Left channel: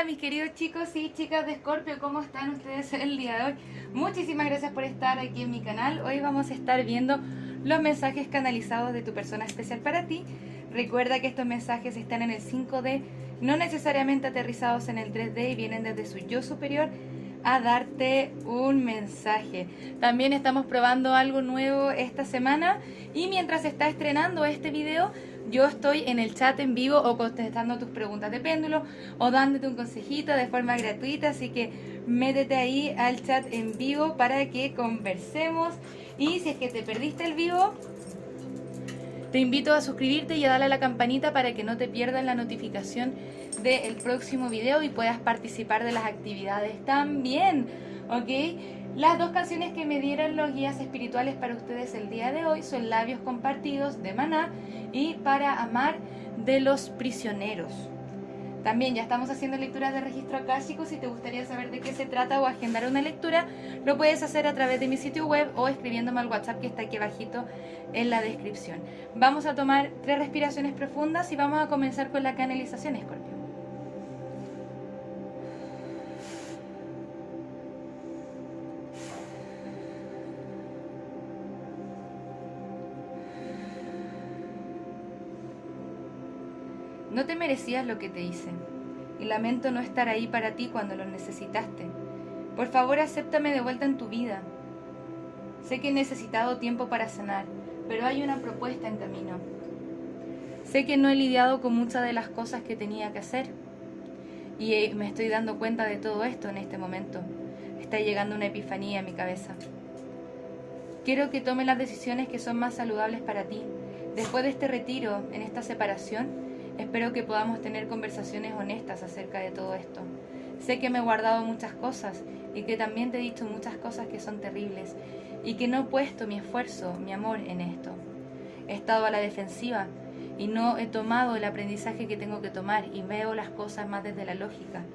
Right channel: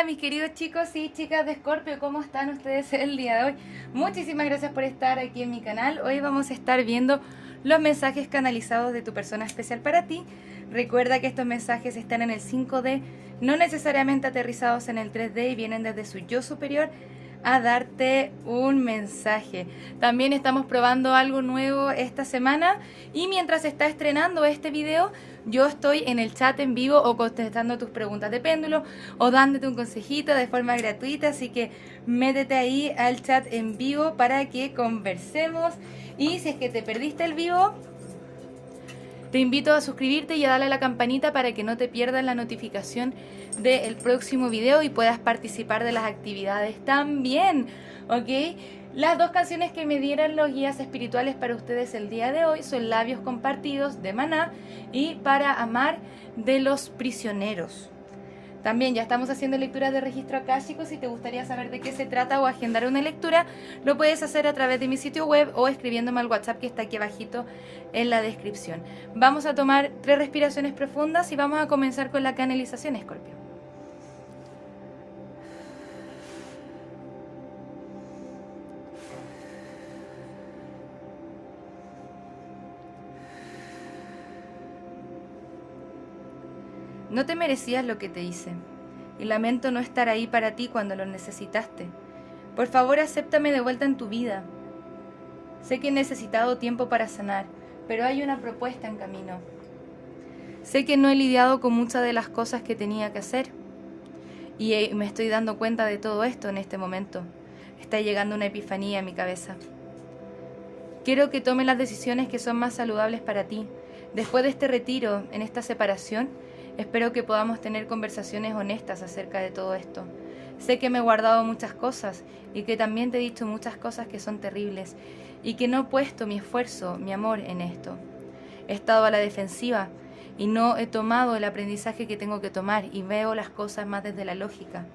Hola mis queridos chicos y chicas de Escorpio, ¿cómo están ustedes el día de hoy? Muchísimas gracias por estar aquí en mi canal. Hoy vamos a estar viendo los mensajes canalizados de tu persona especial para ti. Recuerda que estos mensajes están en el 5D, no necesariamente aterrizados en el 3D y vienen desde su yo superior a darte un mensaje. También estamos probando algo nuevo esta semana y mientras se está estrenando este video, yo estoy en el chat en vivo o contestando tus preguntas de péndulo o dándote un consejito de forma gratuita, así que métete ahí al chat en vivo para que conversemos. Y si es que te perdiste el vivo, te invito a suscribirte y a darle a la campanita para que no te pierdas la notificación del próximo video y puedas participar de las actividades también, ¿ok? Las dos canciones que me dieron los guías espirituales para ustedes el día de hoy son Labios Compartidos de Maná y Para Amar de Los Prisioneros. También ya estamos haciendo lecturas de registro akáshico. Si te gustaría saber de qué se trata o agendar una lectura, lo puedes hacer a través de mi sitio web o escribiéndome al WhatsApp que está aquí abajito en la descripción. Vamos a tomar 3 respiraciones profundas y vamos a comenzar con la canalización, Escorpio. No te merecías lo que te hice, y lamento no estar ahí para ti cuando lo necesitaste. Por favor, acéptame de vuelta en tu vida. Sé que he necesitado tiempo para sanar, pero hay una propuesta en camino. Sé que no he lidiado con muchas de las cosas que tenía que hacer, y me estoy dando cuenta de todo esto en este momento. Está llegando una epifanía en mi cabeza. Quiero que tomes las decisiones que son más saludables para ti. Después de este retiro, en esta separación, espero que podamos tener conversaciones honestas acerca de todo esto. Sé que me he guardado muchas cosas y que también te he dicho muchas cosas que son terribles y que no he puesto mi esfuerzo, mi amor en esto. He estado a la defensiva y no he tomado el aprendizaje que tengo que tomar y veo las cosas más desde la lógica.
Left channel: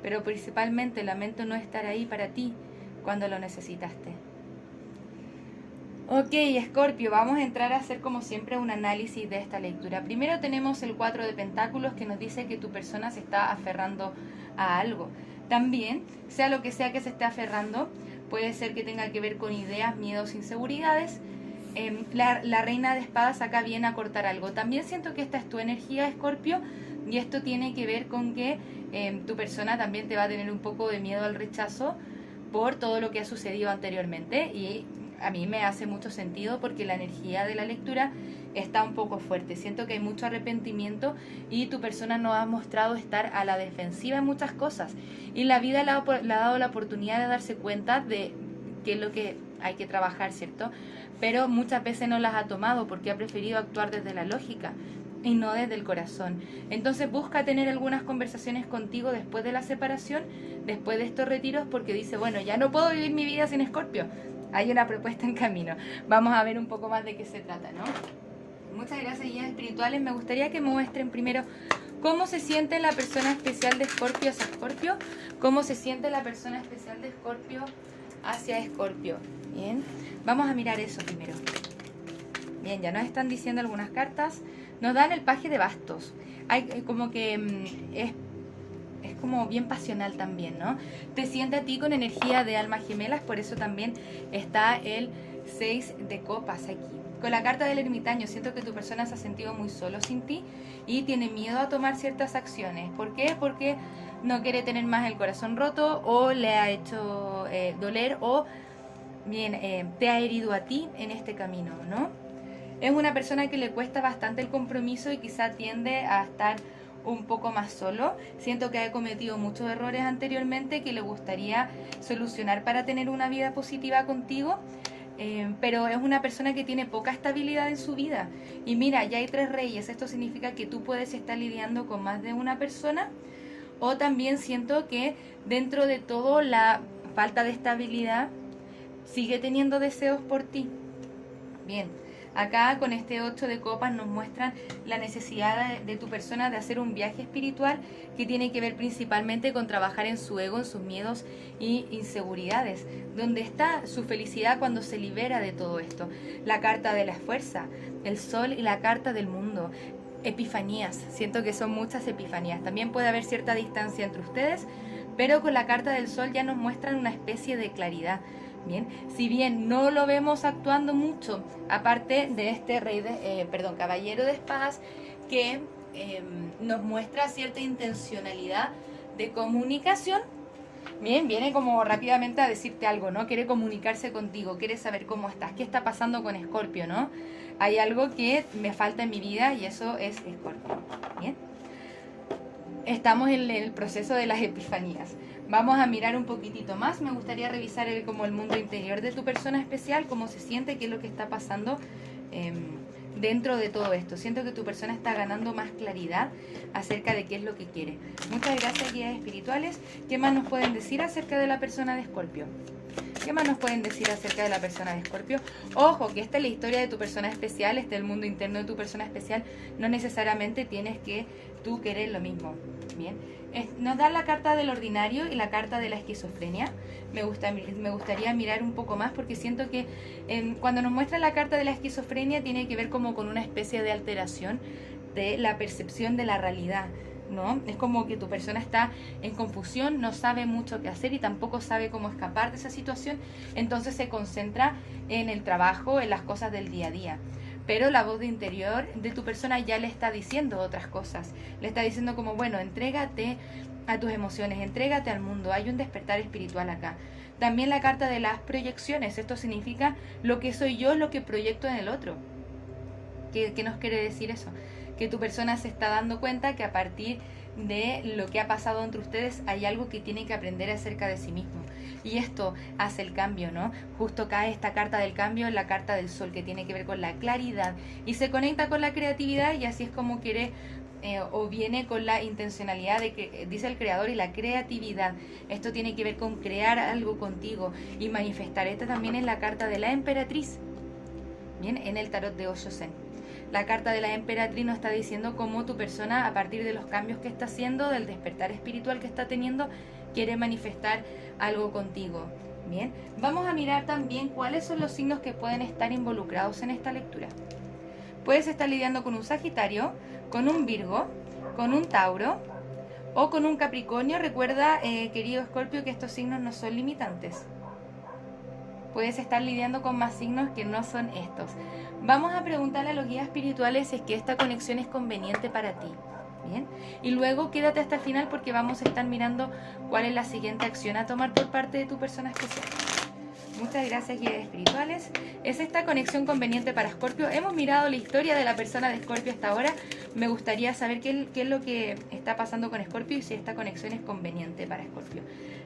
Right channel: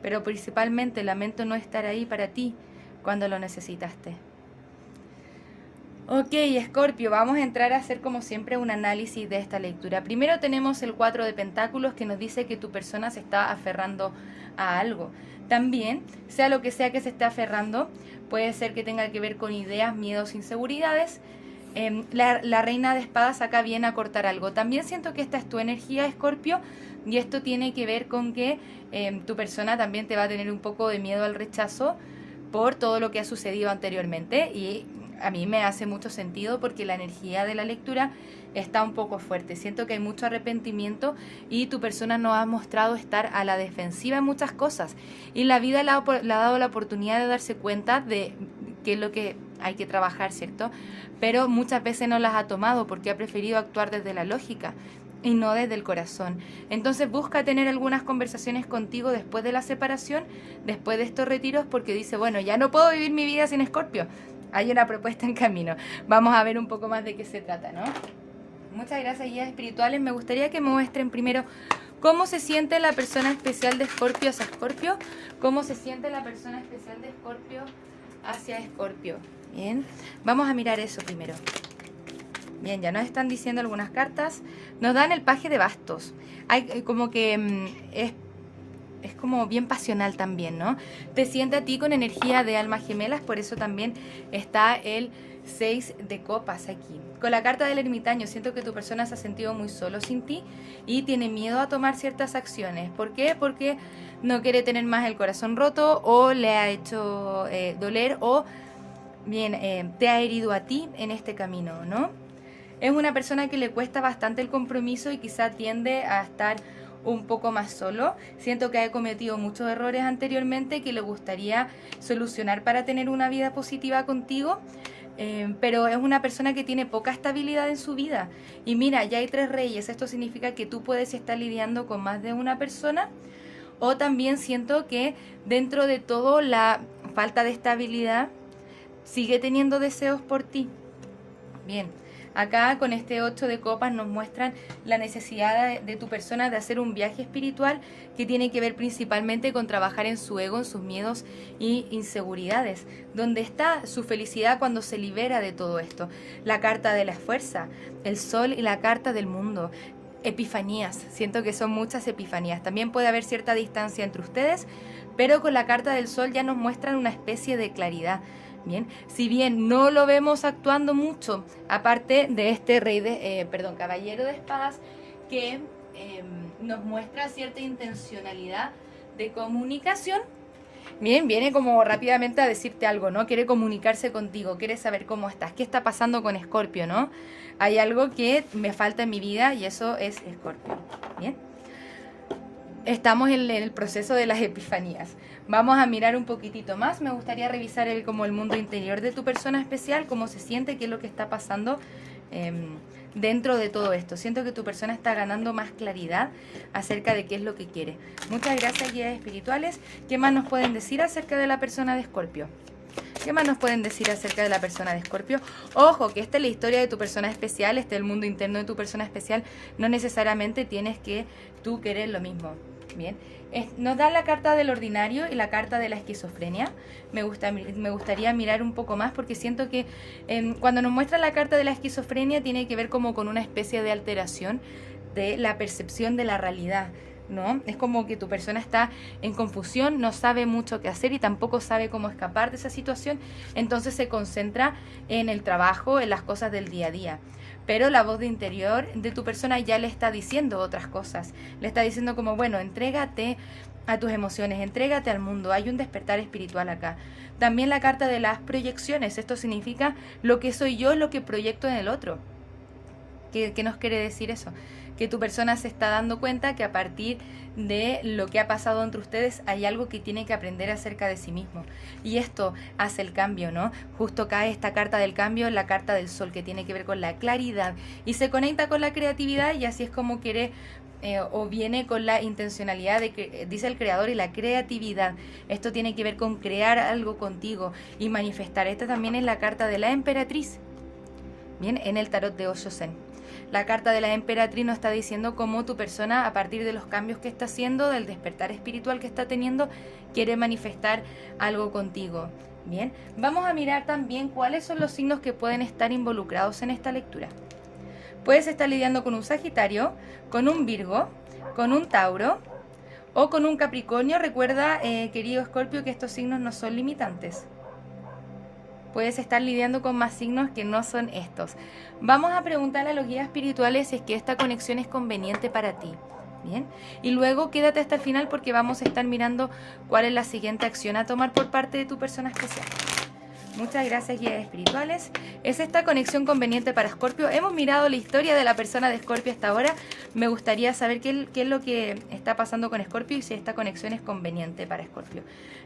Pero principalmente lamento no estar ahí para ti cuando lo necesitaste. Ok, Escorpio, vamos a entrar a hacer como siempre un análisis de esta lectura. Primero tenemos el 4 de Pentáculos que nos dice que tu persona se está aferrando a algo. También, sea lo que sea que se esté aferrando, puede ser que tenga que ver con ideas, miedos, inseguridades. La Reina de Espadas acá viene a cortar algo. También siento que esta es tu energía, Escorpio, y esto tiene que ver con que tu persona también te va a tener un poco de miedo al rechazo por todo lo que ha sucedido anteriormente, y a mí me hace mucho sentido porque la energía de la lectura está un poco fuerte. Siento que hay mucho arrepentimiento y tu persona no ha mostrado estar a la defensiva en muchas cosas. Y la vida le ha dado la oportunidad de darse cuenta de qué es lo que hay que trabajar, ¿cierto? Pero muchas veces no las ha tomado porque ha preferido actuar desde la lógica y no desde el corazón. Entonces busca tener algunas conversaciones contigo después de la separación, después de estos retiros, porque dice, bueno, ya no puedo vivir mi vida sin Escorpio. Hay una propuesta en camino. Vamos a ver un poco más de qué se trata, ¿no? Muchas gracias, guías espirituales. Me gustaría que me muestren primero cómo se siente la persona especial de Escorpio hacia Escorpio. Cómo se siente la persona especial de Escorpio hacia Escorpio. Bien, vamos a mirar eso primero. Bien, ya nos están diciendo algunas cartas. Nos dan el paje de bastos. Hay como que es como bien pasional también, ¿no? Te siente a ti con energía de almas gemelas, por eso también está el 6 de copas aquí. Con la carta del ermitaño, siento que tu persona se ha sentido muy solo sin ti y tiene miedo a tomar ciertas acciones. ¿Por qué? Porque no quiere tener más el corazón roto o le ha hecho doler o bien te ha herido a ti en este camino, ¿no? Es una persona que le cuesta bastante el compromiso y quizá tiende a estar un poco más solo. Siento que ha cometido muchos errores anteriormente que le gustaría solucionar para tener una vida positiva contigo, pero es una persona que tiene poca estabilidad en su vida. Y mira, ya hay 3 reyes. Esto significa que tú puedes estar lidiando con más de una persona, o también siento que dentro de todo la falta de estabilidad sigue teniendo deseos por ti. Bien, acá con este 8 de copas nos muestran la necesidad de tu persona de hacer un viaje espiritual que tiene que ver principalmente con trabajar en su ego, en sus miedos y inseguridades. ¿Dónde está su felicidad cuando se libera de todo esto? La carta de la fuerza, el sol y la carta del mundo. epifanías. Siento que son muchas epifanías. También puede haber cierta distancia entre ustedes, pero con la carta del sol ya nos muestran una especie de claridad. Bien, si bien no lo vemos actuando mucho, aparte de este caballero de espadas, que nos muestra cierta intencionalidad de comunicación. Bien, viene como rápidamente a decirte algo, ¿no? Quiere comunicarse contigo, quiere saber cómo estás, qué está pasando con Escorpio, ¿no? Hay algo que me falta en mi vida y eso es Escorpio. Bien. Estamos en el proceso de las epifanías. Vamos a mirar un poquitito más. Me gustaría revisar como el mundo interior de tu persona especial, cómo se siente, qué es lo que está pasando dentro de todo esto. Siento que tu persona está ganando más claridad acerca de qué es lo que quiere. Muchas gracias, guías espirituales. ¿Qué más nos pueden decir acerca de la persona de Escorpio? ¿Qué más nos pueden decir acerca de la persona de Escorpio? Ojo, que esta es la historia de tu persona especial, este es el mundo interno de tu persona especial. No necesariamente tienes que tú querer lo mismo. Bien, nos dan la carta del ordinario y la carta de la esquizofrenia. Me gustaría mirar un poco más porque siento que cuando nos muestra la carta de la esquizofrenia tiene que ver como con una especie de alteración de la percepción de la realidad, ¿no? Es como que tu persona está en confusión, no sabe mucho qué hacer y tampoco sabe cómo escapar de esa situación, entonces se concentra en el trabajo, en las cosas del día a día. Pero la voz de interior de tu persona ya le está diciendo otras cosas, le está diciendo como, bueno, entrégate a tus emociones, entrégate al mundo, hay un despertar espiritual acá. También la carta de las proyecciones, esto significa lo que soy yo es lo que proyecto en el otro. ¿Qué nos quiere decir eso? Que tu persona se está dando cuenta que a partir de lo que ha pasado entre ustedes hay algo que tiene que aprender acerca de sí mismo. Y esto hace el cambio, ¿no? Justo cae esta carta del cambio en la carta del sol, que tiene que ver con la claridad y se conecta con la creatividad y así es como quiere o viene con la intencionalidad de que dice el creador y la creatividad. Esto tiene que ver con crear algo contigo y manifestar. Esta también es la carta de la emperatriz, bien, en el tarot de Osho Zen. La carta de la emperatriz nos está diciendo cómo tu persona, a partir de los cambios que está haciendo, del despertar espiritual que está teniendo, quiere manifestar algo contigo. Bien, vamos a mirar también cuáles son los signos que pueden estar involucrados en esta lectura. Puedes estar lidiando con un Sagitario, con un Virgo, con un Tauro o con un Capricornio. Recuerda, querido Escorpio, que estos signos no son limitantes. Puedes estar lidiando con más signos que no son estos. Vamos a preguntarle a los guías espirituales si es que esta conexión es conveniente para ti. Bien, y luego quédate hasta el final porque vamos a estar mirando cuál es la siguiente acción a tomar por parte de tu persona especial. Muchas gracias, guías espirituales. ¿Es esta conexión conveniente para Escorpio? Hemos mirado la historia de la persona de Escorpio hasta ahora. Me gustaría saber qué es lo que está pasando con Escorpio y si esta conexión es conveniente para Escorpio.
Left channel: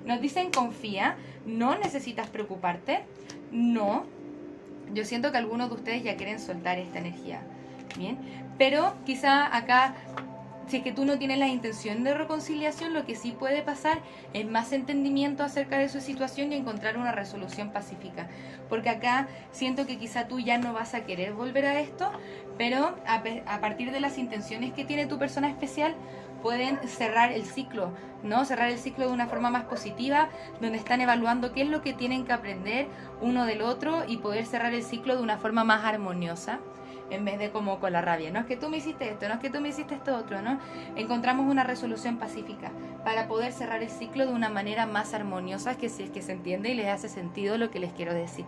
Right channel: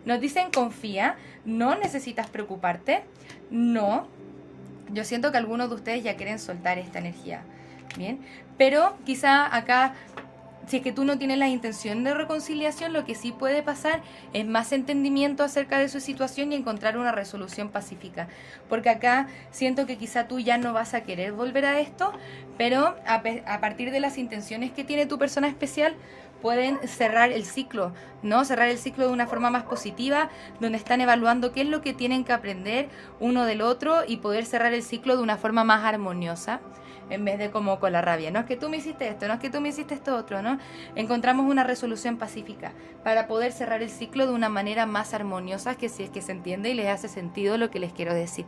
Nos dicen confía, no necesitas preocuparte, no. Yo siento que algunos de ustedes ya quieren soltar esta energía, ¿bien? Pero quizá acá, si es que tú no tienes la intención de reconciliación, lo que sí puede pasar es más entendimiento acerca de su situación y encontrar una resolución pacífica. Porque acá siento que quizá tú ya no vas a querer volver a esto, pero a partir de las intenciones que tiene tu persona especial, pueden cerrar el ciclo, ¿no? Cerrar el ciclo de una forma más positiva, donde están evaluando qué es lo que tienen que aprender uno del otro y poder cerrar el ciclo de una forma más armoniosa, en vez de como con la rabia. No es que tú me hiciste esto, no es que tú me hiciste esto otro, ¿no? Encontramos una resolución pacífica para poder cerrar el ciclo de una manera más armoniosa, que si es que se entiende y les hace sentido lo que les quiero decir.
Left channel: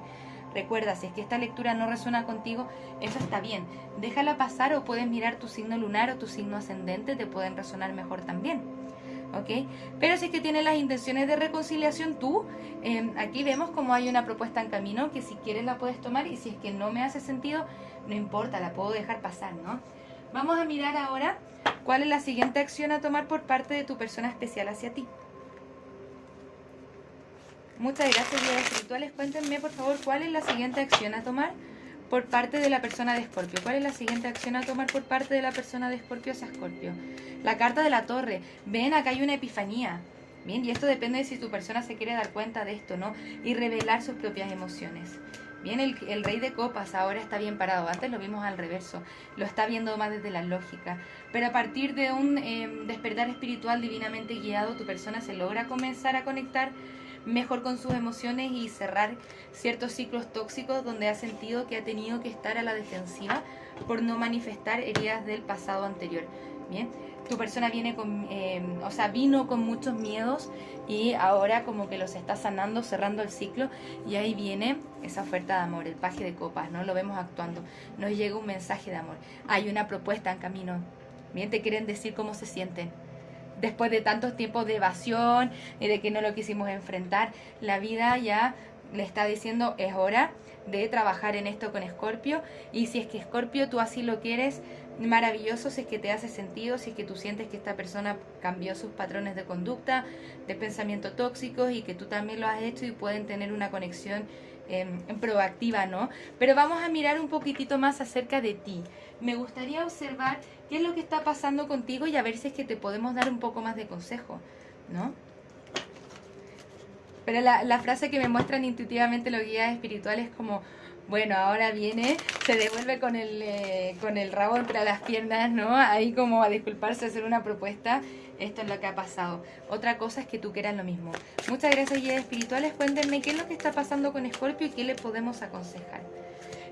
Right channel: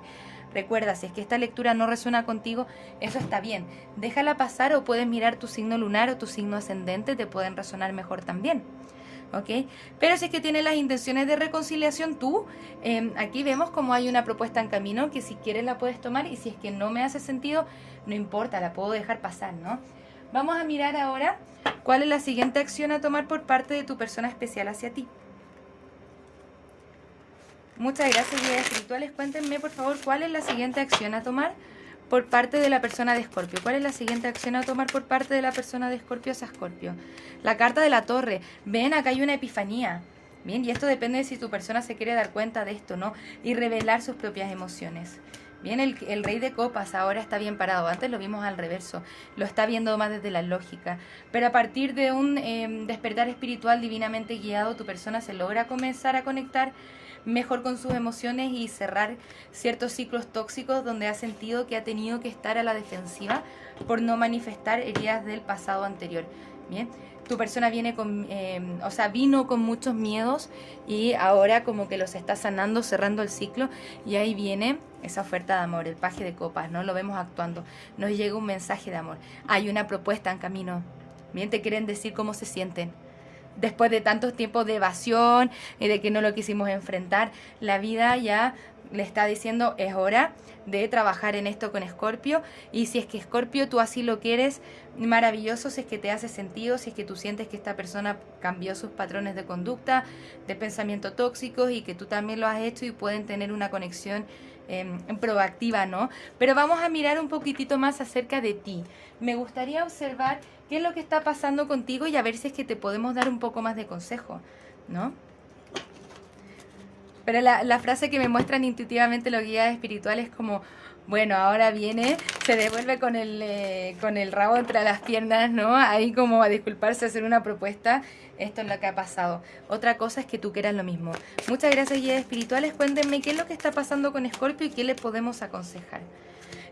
Recuerda, si es que esta lectura no resuena contigo, eso está bien. Déjala pasar o puedes mirar tu signo lunar o tu signo ascendente, te pueden resonar mejor también. ¿Ok? Pero si es que tienes las intenciones de reconciliación, tú, aquí vemos como hay una propuesta en camino que si quieres la puedes tomar y si es que no me hace sentido, no importa, la puedo dejar pasar, ¿no? Vamos a mirar ahora cuál es la siguiente acción a tomar por parte de tu persona especial hacia ti. Muchas gracias, guías espirituales. Cuéntenme, por favor, cuál es la siguiente acción a tomar por parte de la persona de Escorpio. ¿Cuál es la siguiente acción a tomar por parte de la persona de Escorpio hacia Escorpio? La carta de la torre. Ven, acá hay una epifanía. Bien, y esto depende de si tu persona se quiere dar cuenta de esto, ¿no? Y revelar sus propias emociones. Bien, el rey de copas ahora está bien parado. Antes lo vimos al reverso. Lo está viendo más desde la lógica. Pero a partir de un despertar espiritual divinamente guiado, tu persona se logra comenzar a conectar mejor con sus emociones y cerrar ciertos ciclos tóxicos donde ha sentido que ha tenido que estar a la defensiva por no manifestar heridas del pasado anterior. Bien, tu persona viene vino con muchos miedos y ahora como que los está sanando, cerrando el ciclo, y ahí viene esa oferta de amor, el paje de copas, ¿no? Lo vemos actuando, nos llega un mensaje de amor, hay una propuesta en camino. Bien, te quieren decir cómo se sienten. Después de tantos tiempos de evasión y de que no lo quisimos enfrentar, la vida ya le está diciendo, es hora de trabajar en esto con Escorpio. Y si es que Escorpio tú así lo quieres, maravilloso, si es que te hace sentido, si es que tú sientes que esta persona cambió sus patrones de conducta, de pensamiento tóxicos, y que tú también lo has hecho y pueden tener una conexión proactiva, ¿no? Pero vamos a mirar un poquitito más acerca de ti. Me gustaría observar qué es lo que está pasando contigo y a ver si es que te podemos dar un poco más de consejo, ¿no? Pero la frase que me muestran intuitivamente los guías espirituales es como, bueno, ahora viene, se devuelve con el rabo entre las piernas, ¿no? Ahí como a disculparse, a hacer una propuesta. Esto es lo que ha pasado. Otra cosa es que tú quieras lo mismo. Muchas gracias, guías espirituales. Cuéntenme qué es lo que está pasando con Escorpio y qué le podemos aconsejar.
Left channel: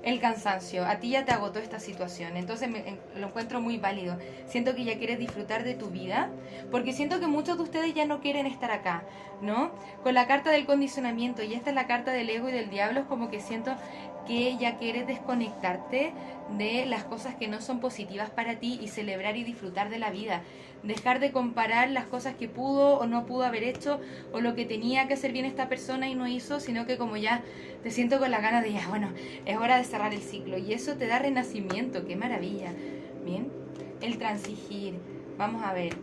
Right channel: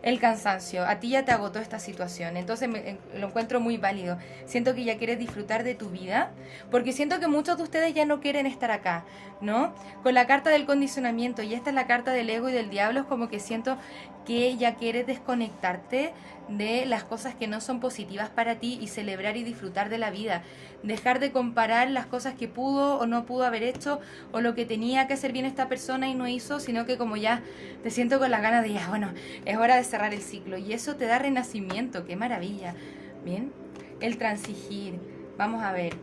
El cansancio, a ti ya te agotó esta situación, entonces lo encuentro muy válido. Siento que ya quieres disfrutar de tu vida, porque siento que muchos de ustedes ya no quieren estar acá, ¿no? Con la carta del condicionamiento, y esta es la carta del ego y del diablo, es como que siento que ya quieres desconectarte de las cosas que no son positivas para ti y celebrar y disfrutar de la vida. Dejar de comparar las cosas que pudo o no pudo haber hecho, o lo que tenía que hacer bien esta persona y no hizo, sino que como ya te siento con las ganas de ya, bueno, es hora de cerrar el ciclo, y eso te da renacimiento. ¡Qué maravilla! Bien, el transigir, vamos a ver,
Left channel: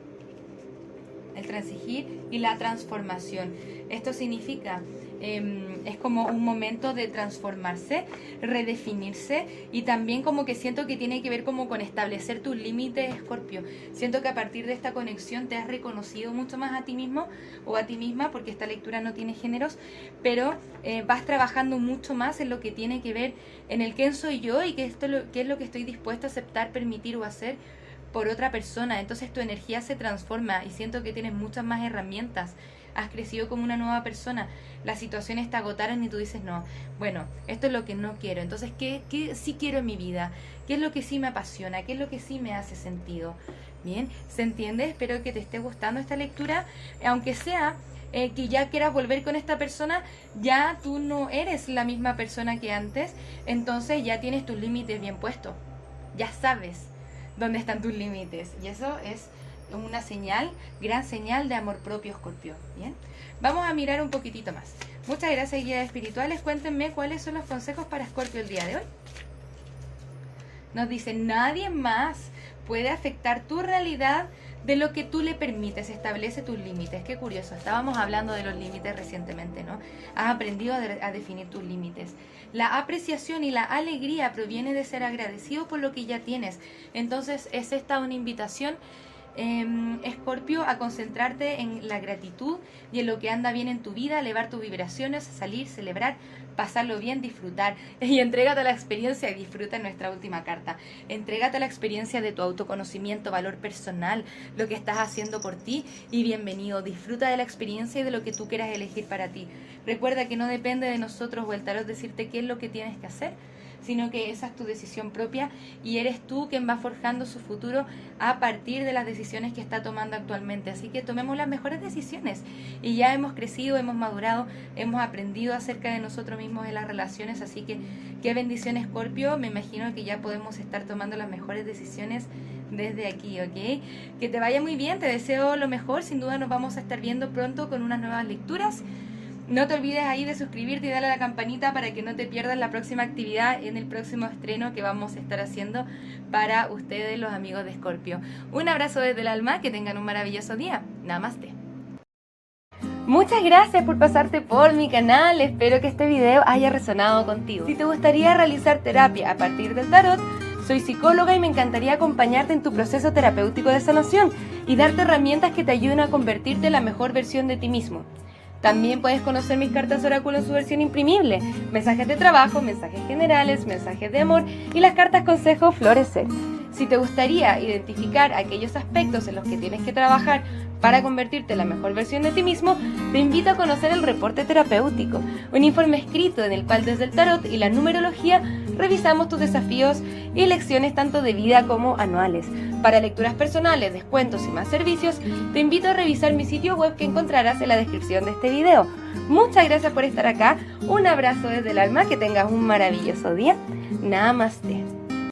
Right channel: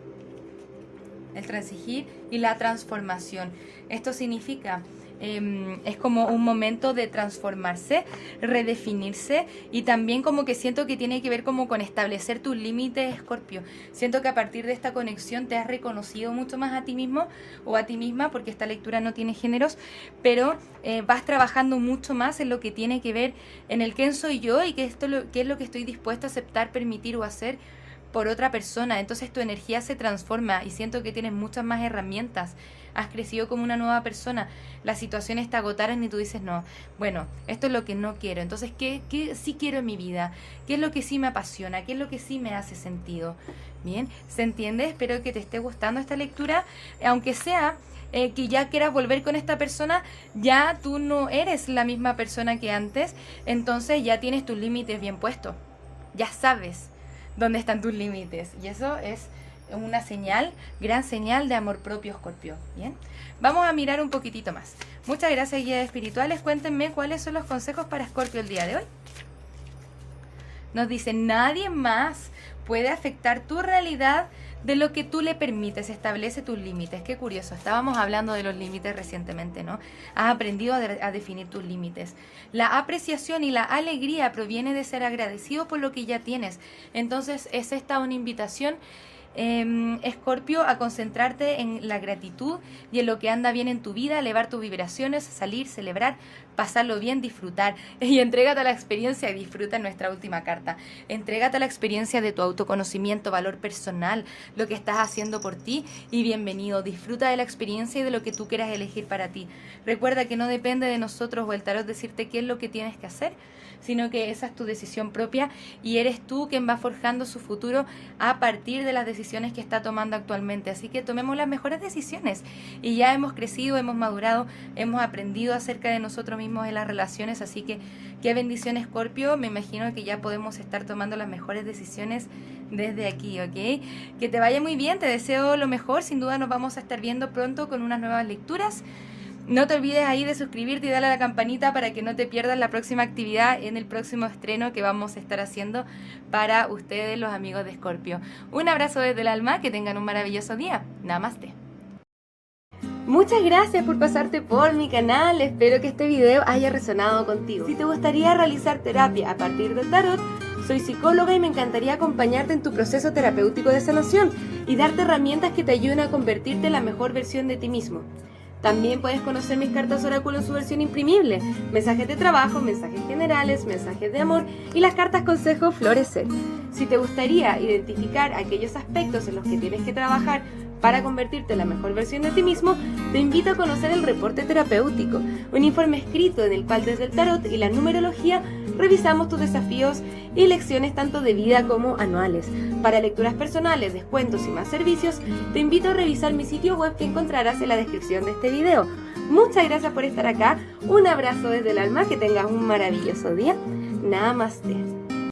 el transigir y la transformación. Esto significa, es como un momento de transformarse, redefinirse, y también como que siento que tiene que ver como con establecer tus límites, Escorpio. Siento que a partir de esta conexión te has reconocido mucho más a ti mismo o a ti misma, porque esta lectura no tiene géneros, pero vas trabajando mucho más en lo que tiene que ver en el quién soy yo y qué es lo que estoy dispuesto a aceptar, permitir o hacer por otra persona. Entonces tu energía se transforma y siento que tienes muchas más herramientas. Has crecido como una nueva persona. Las situaciones te agotaron y tú dices, no, bueno, esto es lo que no quiero. Entonces, ¿qué sí quiero en mi vida? ¿Qué es lo que sí me apasiona? ¿Qué es lo que sí me hace sentido? Bien, ¿se entiende? Espero que te esté gustando esta lectura. Aunque sea que ya quieras volver con esta persona, ya tú no eres la misma persona que antes. Entonces ya tienes tus límites bien puestos. Ya sabes dónde están tus límites. Y eso es una señal, gran señal de amor propio, Escorpio. Bien, vamos a mirar un poquitito más. Muchas gracias, guías espirituales. Cuéntenme cuáles son los consejos para Escorpio el día de hoy. Nos dice, nadie más puede afectar tu realidad de lo que tú le permites. Establece tus límites. Qué curioso, estábamos hablando de los límites recientemente, ¿no? Has aprendido a definir tus límites. La apreciación y la alegría proviene de ser agradecido por lo que ya tienes. Entonces es esta una invitación, Escorpio, a concentrarte en la gratitud y en lo que anda bien en tu vida, elevar tus vibraciones, salir, celebrar, pasarlo bien, disfrutar. Y entrégate a la experiencia, y disfruta nuestra última carta. Entrégate a la experiencia de tu autoconocimiento, valor personal, lo que estás haciendo por ti, y bienvenido. Disfruta de la experiencia y de lo que tú quieras elegir para ti. Recuerda que no depende de nosotros o el tarot decirte qué es lo que tienes que hacer, sino que esa es tu decisión propia y eres tú quien va forjando su futuro a partir de las decisiones que está tomando actualmente. Así que tomemos las mejores decisiones, y ya hemos crecido, hemos madurado, hemos aprendido acerca de nosotros mismos en las relaciones. Así que qué bendición, Escorpio. Me imagino que ya podemos estar tomando las mejores decisiones desde aquí, ¿ok? Que te vaya muy bien, te deseo lo mejor. Sin duda nos vamos a estar viendo pronto con unas nuevas lecturas. No te olvides ahí de suscribirte y darle a la campanita para que no te pierdas la próxima actividad en el próximo estreno que vamos a estar haciendo para ustedes, los amigos de Escorpio. Un abrazo desde el alma, que tengan un maravilloso día. Namaste. Muchas gracias por pasarte por mi canal. Espero que este video haya resonado contigo. Si te gustaría realizar terapia a partir del tarot, soy psicóloga y me encantaría acompañarte en tu proceso terapéutico de sanación y darte herramientas que te ayuden a convertirte en la mejor versión de ti mismo. También puedes conocer mis cartas oráculo en su versión imprimible, mensajes de trabajo, mensajes generales, mensajes de amor y las cartas consejo florecer. Si te gustaría identificar aquellos aspectos en los que tienes que trabajar Para convertirte en la mejor versión de ti mismo, te invito a conocer el reporte terapéutico, un informe escrito en el cual desde el tarot y la numerología revisamos tus desafíos y lecciones tanto de vida como anuales. Para lecturas personales, descuentos y más servicios, te invito a revisar mi sitio web que encontrarás en la descripción de este video. Muchas gracias por estar acá, un abrazo desde el alma, que tengas un maravilloso día. Namaste.